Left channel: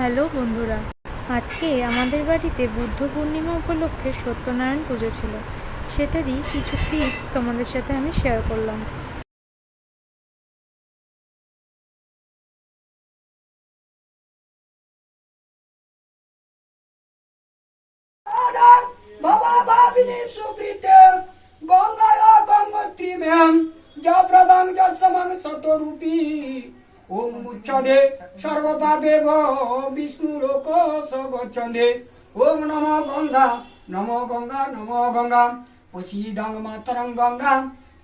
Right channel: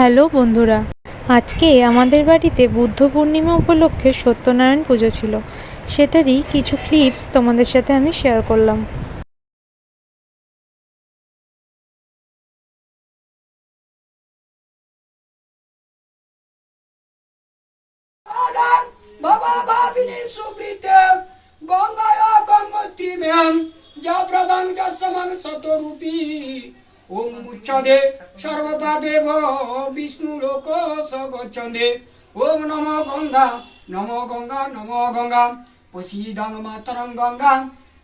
Hello বন্ধুরা, আজকে আমাদের বাড়িতে বুদ্ধ পূর্ণিমা উপলক্ষে সত্যনারায়ণ পুজো ছিল। সেটারই কিছু ক্লিপস তোমাদের সাথে আমি শেয়ার করলাম। বাবা ভাবিনি সুপ্রীতে গঙ্গায় গঙ্গোত্রীম্যাম যা প্রদান যসমান শতরূপী ওম উচ্চদে সর্বপাপে বিষ্ণু লোক সগচ্ছন্দে ওম নমো গঙ্গা নমো গঙ্গা নমো গঙ্গা প্রসীদং মাতরং গঙ্গা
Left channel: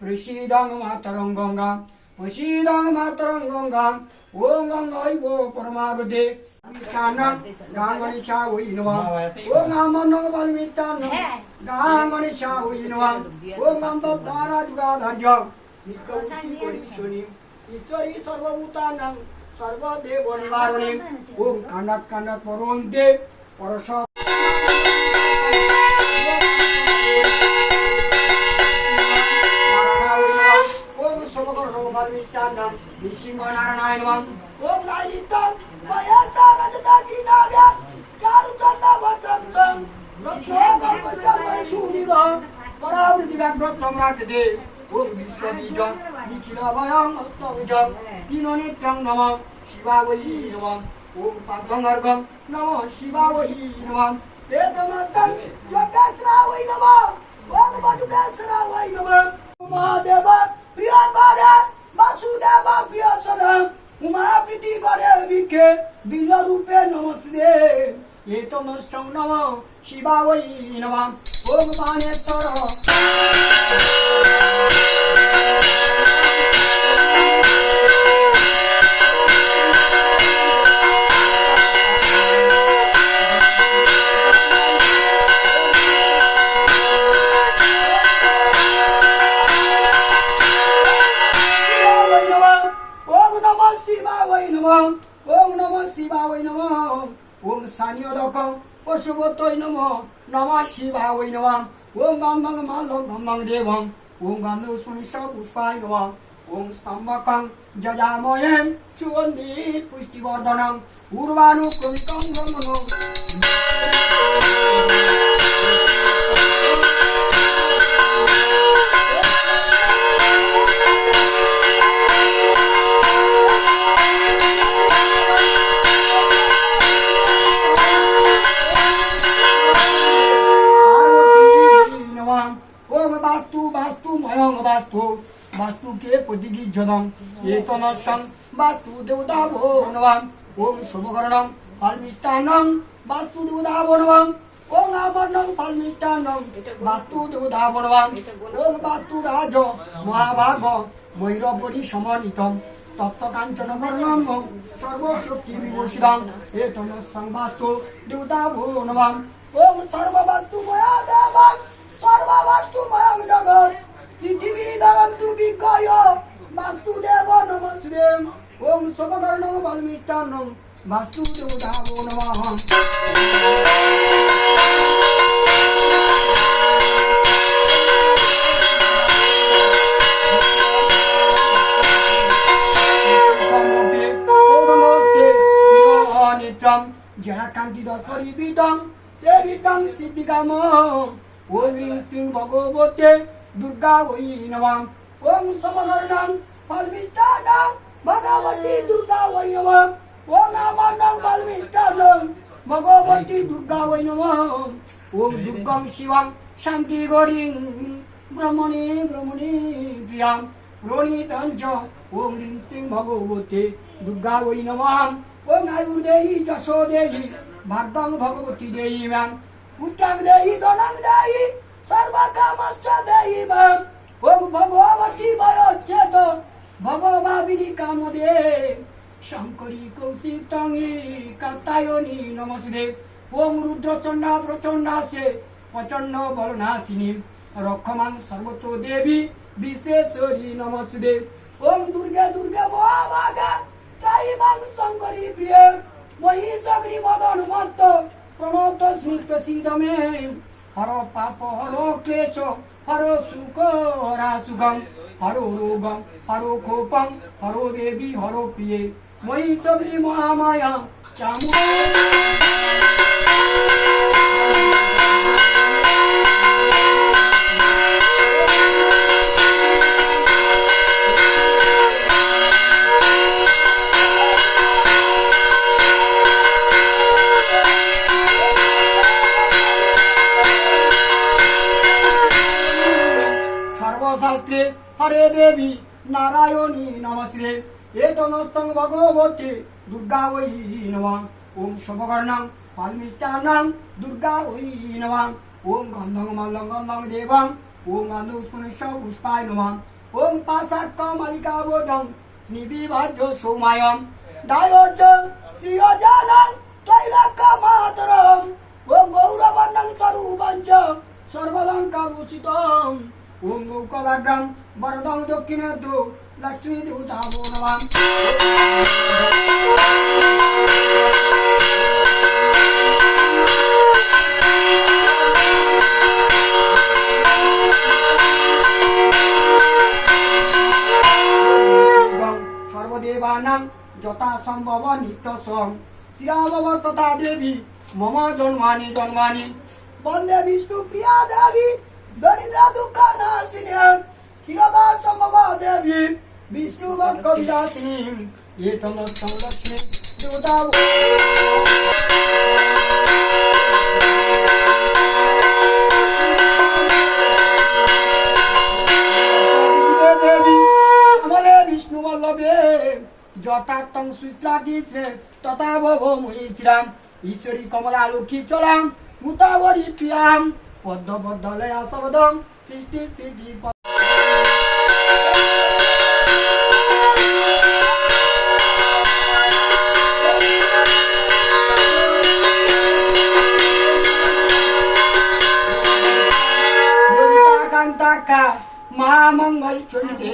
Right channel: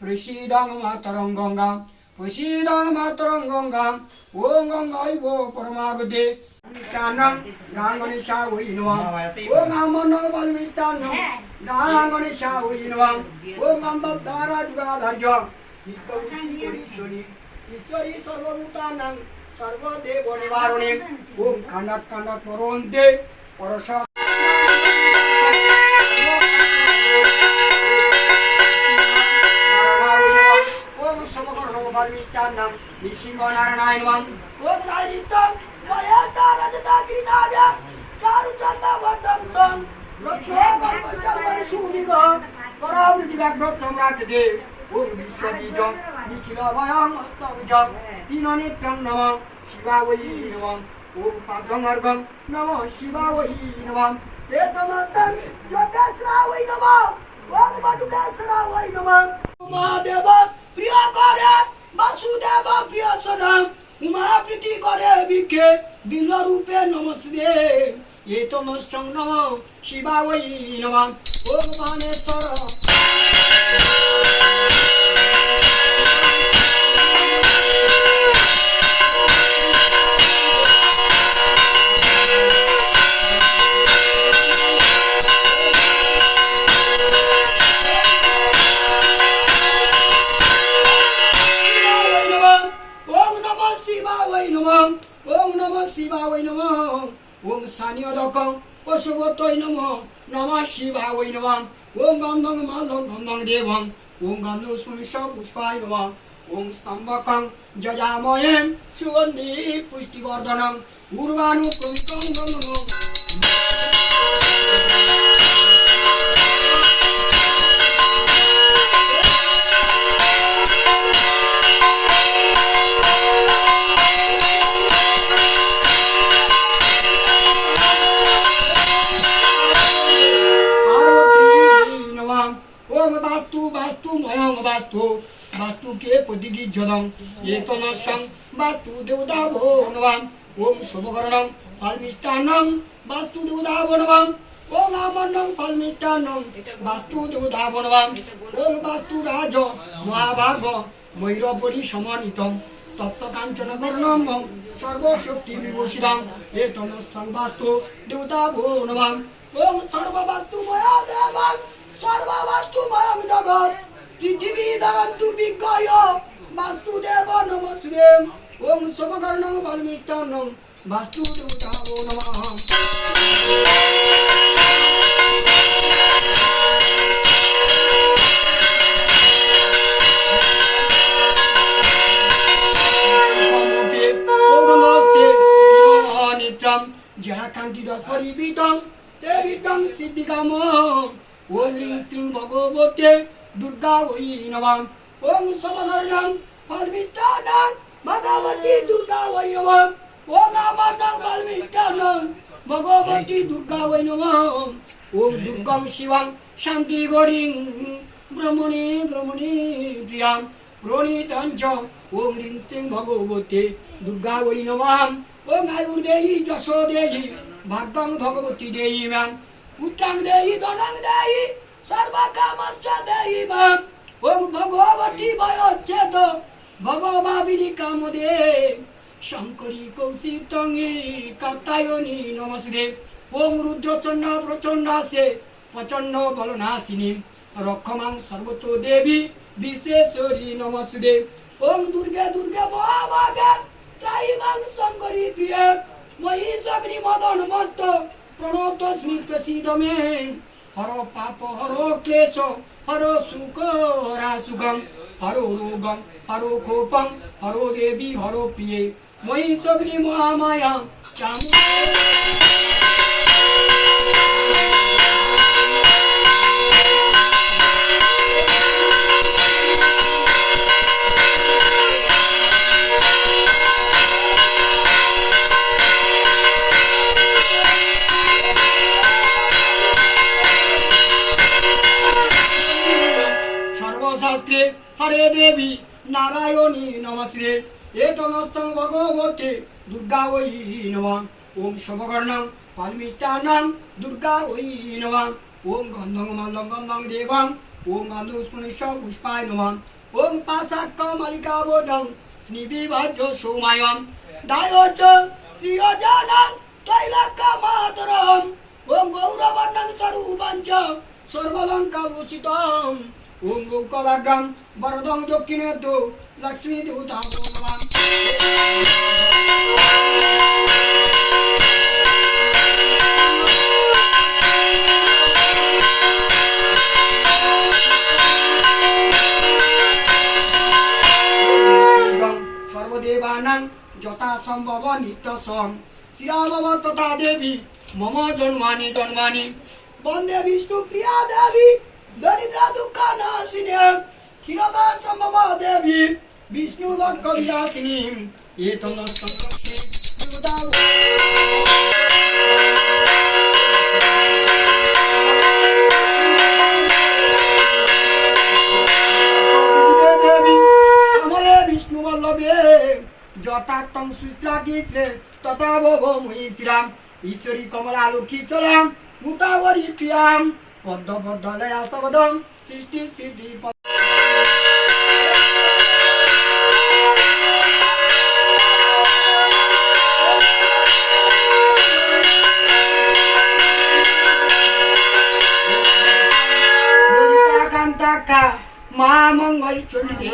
প্রসীদং মাতরং গঙ্গা প্রসীদং মাতরং গঙ্গা ওম গঙ্গৈব পরমাগতে গাঙ্গণেশা ওই নমঃ ওম নামনং বলমিষ্টান্নং গাঙ্গণেশা ওই নমঃ ওম গন্ধদ্বারা যুগাধার্য নিত্যমূর্তি ঈশ্বরী সর্বভূতানাং সর্বদেব নিবারণে ওম কান্ডাক কান্ডাক পরন্তে পরশ ওম সর্বকর্ণ বলমিষ্টান্নং নিসিংহ নারায়ণ নমঃ ওম নারিতং বয়াসারজতাগ্রিনাভ্যা চারুচন্দ্র বদ্দং রত্ন গল্পচন্দ্র সুনিগ পরাবৃতি ব্যাঘ্র সম্রাটে ওম বিশ্ববীজং নিখিল ভয়ং অস্তমজং দীননেত্রং নমঃ শিবায় নমঃ ওম পার্থঙ্গর্গং নমঃ শিবায় নমঃ এতমস্तं জ্যোতিস্রায় নমঃ ওম বটুকেশ্বরায় নমঃ উমাদেব প্রিয় করে বাসুদেব প্রিয় সদা উমা প্রীতি করে বিক্ষে বিল রূপে নমস্তে এতমস্तं নমঃ শিবায় নমঃ ওম বাণেশ্বর ওম নমঃ শিবায় নমঃ ওম সানিয়দকং পশুবতৈ নমঃ নমঃ শিবায় নমঃ ওম গন্ধং মালং গন্ধং দেবং ওম গন্ধ সুনিশ পুষ্পায় নমঃ ওম স্তম্ভকং যজাময়ে সুগন্ধি পুষ্টিবর্ধনং উর্বাণু কবিকং নমঃ वास्तु के प्रतिगिज्जदं एतमस्सं वास्तु देवताभो नमः ओम शुभकरणं फलमिष्टान्नं वास्तु देवताभो नमः ओम आमन्नं फलमिष्टान्नं वास्तु देवताभो नमः ओम वास्तु राज महाभाग मयूरपरि समन्वितं तप्तकाञ्चनकर्णं सर्वशक्ति विभूषितं एतमस्सं वास्तु देवताभो नमः ओम सर्ववास्तुमया देवं सर्ववास्तुमयं जगत् पृथिवी धरन्तु विज्ञाय वास्तुदेव नमस्ते ओम शुभकर्णं बलमिष्टान्नं वास्तुदेवताभो नमः जयाकान्ति परिवितं सेवितं सिद्धिकामं ओम ह्रीं श्रीं भगवते दुर्गा वै नमः ओम शुभकर्णं फलमिष्टान्नं भगवती दुर्गा वै नमः ओम आमन्नं फलमिष्टान्नं भगवती दुर्गा वै नमः ओम दुर्गं शिवं शान्ति गौरीं ब्रह्मणे ब्रह्मणे प्रियां प्रणीतं च ओम ह्रीं श्रीं भगवते दुर्गा वै नमः ओम आयुर्देहि यशो देहि भाग्यं भगवती देहि मां पुत्रं देहि धनं देहि सर्वकामश्च देहि मां ओम भगवती वयोच्चेत भगवाविनी कामदे शंकरी कौशिकतंगी कात्यायनी नमस्ते ओम रुद्रचंडा प्रचंडासे प्रचंड बलनाशिनी रक्षमां सर्वतो देवी विशेश्वरी नमस्ते ओम दुर्गे दुर्गे महाभागा त्रायिमां शंकरी प्रिय महिषाग्नि मदन मत्त प्रणतस्मि प्रसीद मे हर पाप हरो क्लेश हरो सुख हरासुगम हरो रोगम हरो कोपम हरो देवी हरो प्रिय महिषाग्नि महामाया चामुंडा শাস্ত্রে হরে দেবী নারায়ণী নমস্তে এতনস্তং ভগবতে দুর্গা ওই নমঃ ওম শুভকর্ণং ফলমিষ্টান্নং দুর্গা ওই নমঃ ওম গন্ধং মালং গন্ধং দেবং ওম গন্ধ পুষ্প পুষ্পায় নমঃ ওম পাশাক্কমালিকাবোধং স্নিবিভাজ্য সৌমায়ং দায়োচ শ্রীয়জানং ত্রৈলোক্যমাতরম ওম গৌরবর্ণং স্বরূপঞ্চ সর্বলঙ্কাভূষিতং ওম গৌকলাগ্রম বরদং দক্ষিণাদ্য লক্ষ্মী দেবতাভো নমঃ সর্বদেবানাং যথা সম্ভব নিত্য সং শ্রীরাম তথা দেবী মম জন্মানি জন্মানি বন্দে বিষ্ণু প্রিয়া দেবী দরিদ্র দুঃখ নাশিনী ক্ষীরদা সম্ভবা দেবী বিষ্ণু ভক্ত বিলাসিনী এতম সংলক্ষ্মী দেবতা দেবী আমলে বিষ্ণু বল্লভে যথার্থং সুশ্রাগিছে তথা ভগো মহিশ্রাম ঈশ্বরী কমলা লক্ষ্মী চলাম মুতাবরী প্রিয়াম পদ্ম পদ্মলয়া শবদম সৃষ্টি স্থিতি মা মঙ্গল চণ্ডী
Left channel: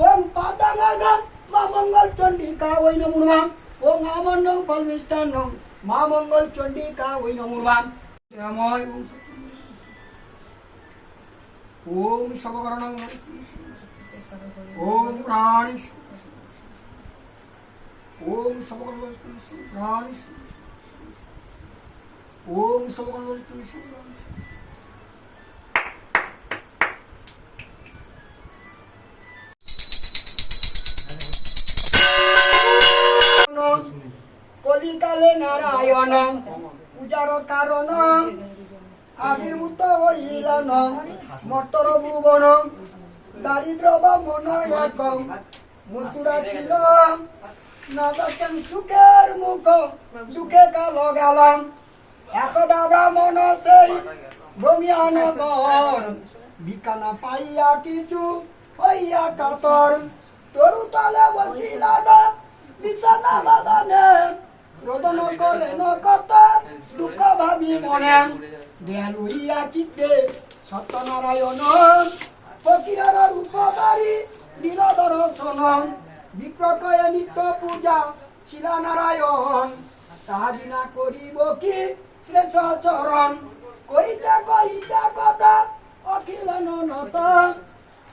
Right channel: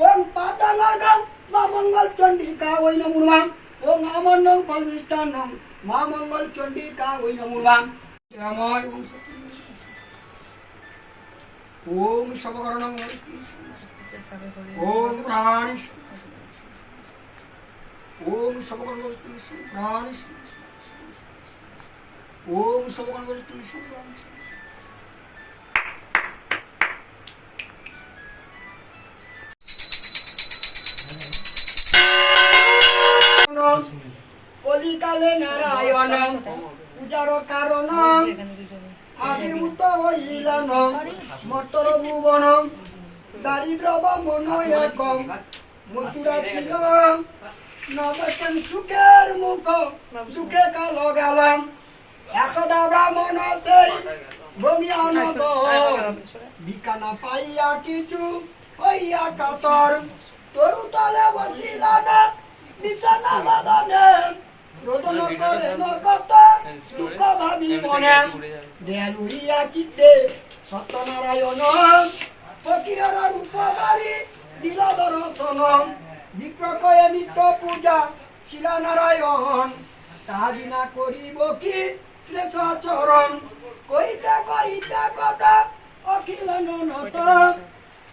ওম পাতাঙ্গম মা মঙ্গল চণ্ডিকা ওই নমো নমঃ ওম আমন্নং ফলমিষ্টান্নং মা মঙ্গল চণ্ডিকা ওই নমো নমঃ রামায় ওম সবকর্ণং ওম প্রাণী ওম সবকর্ণং প্রাণী ওম সবকর্ণং প্রাণী কলিকালে নারায়ণ পূজার কারণ আবির্ভূত হইলেন মর্তর ভুবন দারিদ্র মন এক মথুরা ছিল না দেখেন সুখের মুখ দুঃখে কাল গেলাম একদা ব্রাহ্মণ সেই ভূমিয়ান বিকানা পাইয়া কিছু হইয়া কাতর তরু তলে বসিলা না বিছানা বাদানে রোদন করে নকত দুঃখ ভাবি মনে দয়ালু হইয়া চিত্তে সত্যনারায়ণ ফকিরের রূপধারী দিল দর্শন বিপ্রকয়ে নিত্য পূজা শিলা নারায়ণ তাহা বিনা করিব কি শ্রেষ্ঠ আচরণ কইতে কইতে কথা অখিল নত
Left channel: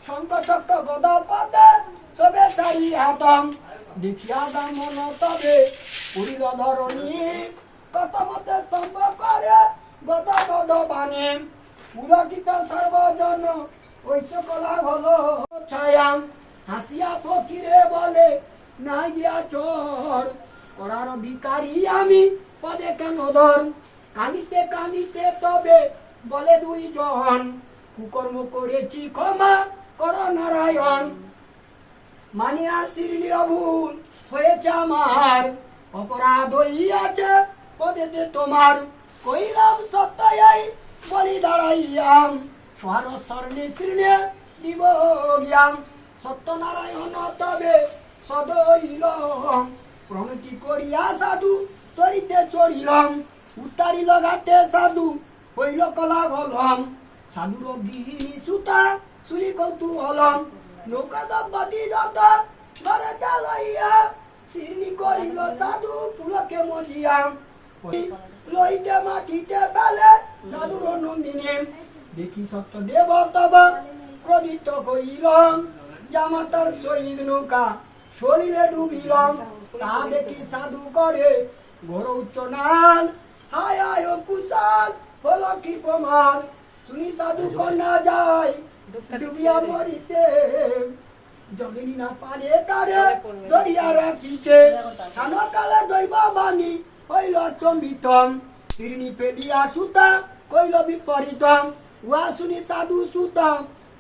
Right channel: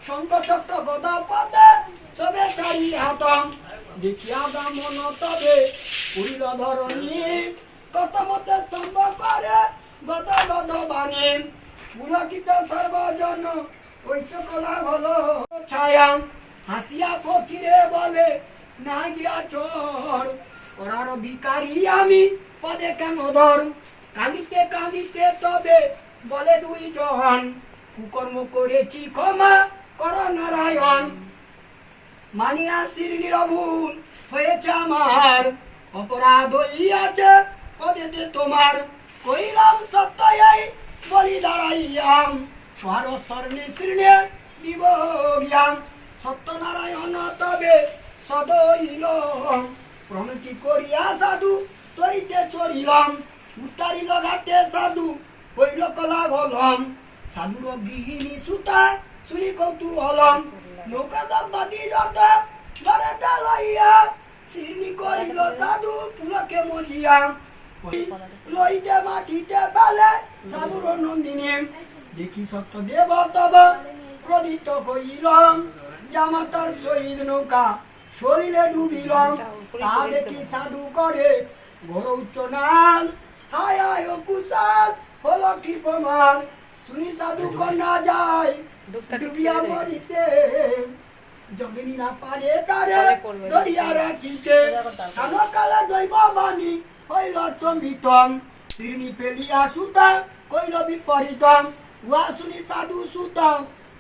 শঙ্খ চক্র গদা পদে সবে চারি হাত দেখিয়া ব্রাহ্মণ তবে পুরীর ধরণী কত মতে স্তম্ভ করে গদা গদ বাণী পুলকিত সর্বজন ঐশ্য কলা হল ছায়া হাসিয়া ফকিরে বলে না গিয়া চর করার ভিকারি আমি পদে কেন ধর কাঁদিতে কাঁদিতে তবে বলে দুইজন কুকর্ম করেছি ক্ষমা কর নারায়ণ মানিয়া শিরলির ভুল হয়েছে আমার অপরাধ হইয়াছে পদেতে তোমার কইলাম সত্যই বলি দাঁড়াইয়াম স্বরস্বর্ণী শৃণে দিব জ্ঞান সত্যনারায়ণ তবে সদইল প্রণতি করিয়া সাধু তরিতে চড়িলাম উত্তারিল ঘাটে সাধু হইল কলা বলম সাধুর গৃহিণী সুতা শুনি কৌতূহলম নৌকা দম্পতি যত ঘরেতে লইয়া শিরনি করিল সাধু পুলকে মরিয়া লইতে মাটিতে বেলে সাধুর নন্দিনী দেখি সত্য দেব তব ক্রোধিত কইলাম জামাতার শহীদ নৌকা শরীরে ডুবিলাম তা দেখি সাধু করে ঘোর উচ্চ নাল হায় আয় কুশাল হলো কি প্রমাণ শুনি সাধু কন্যা যায় ডুবিয়া মরিতে জমিনি না পারে তারে দরিয়া রাখিতে কালে দৈব বাণী হইল চম্বিতম শিরনি পেলিয়া সুতা কইল বিপরীতম উহা শুনি সাধু সুতম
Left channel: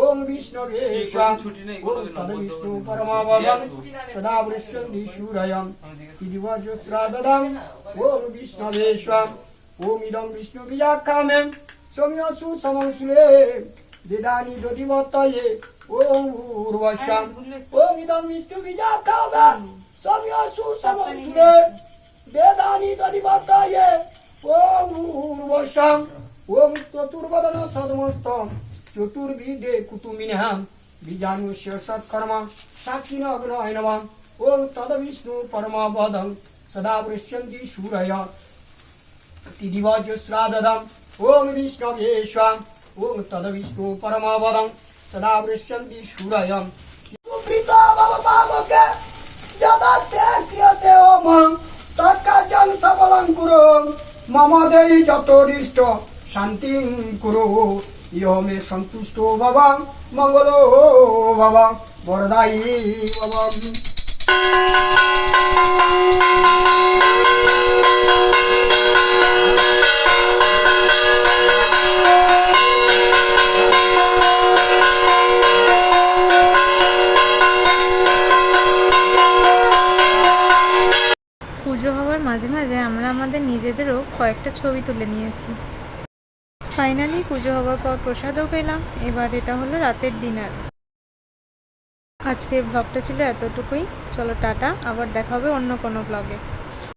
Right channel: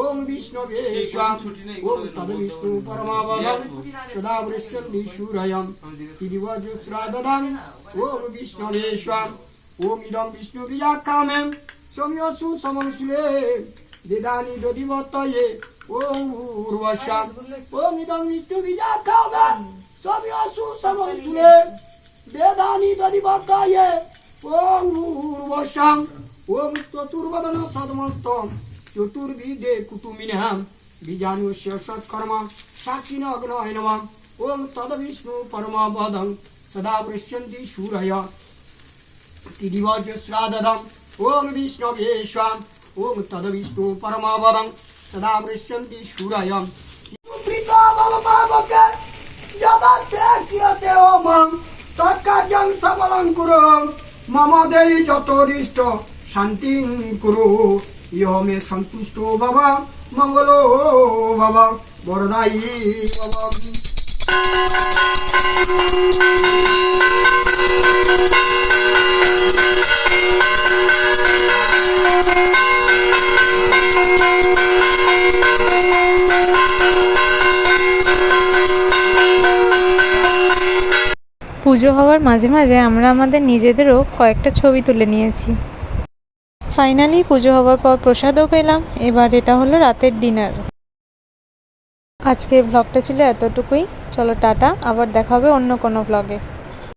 ওম বিষ্ণবে স্বাম ওম তদ বিষ্ণু পরমাবদম সদা বৃষ্ণন্তি সূরয়ম তিদিবজ শ্রাদদম ওম বিষ্ণবে স্বাম ওম ইদম বিষ্ণু বিজাখামেম সৌম্যসু সমংসুলে বেদানি দধিবতয়ে ওম ভূর্ভস্বাম ওম ইদম বিষ্ণু বিজাখামেম সৌম্যসু সমংসুলে বেদানি দধিবতয়ে ওম ভূর্ভস্বাম ওম চতুর্বদন সদমস্তম চতুর্বিদে কুটুমিনহাম বীজাণুষ্য সৎকর্ম সাক্ষিনগ্নয় নমঃ ওম তদ বিষ্ণু পরমাবদম সদা পৃষ্যন্তি সূরয় তিদিবজ শ্রাদদম ওম বিষ্ণবে স্বাম ওম তদ বিষ্ণু পরমাবদম সদা পৃষ্যন্তি সূরয় পিতা বাবা পাবকে যদা ক্রিয়তে ওম তৎকার্যং সফলং কুরু মম দেহি যতরিষ্ট শান্তিং কুরু ইহ মে সন্তুষ্ট বাবা মঙ্গলো বাবা বরদায়ী বাবা। পুজো হওয়ার মাঝে মাঝে আমরা আমাদের নিজেদেরও কয়েকটা ছবি তুলে নিয়েছি। ফাইনালি পুজো হওয়ার পর প্রসাদও পেলাম। এবার এটা হলো রাতের ডিনার। আজকের ব্লগটা ছিল এতটুকুই। চলো টাটা, আবার দেখা হবে অন্য কোনো ব্লগে।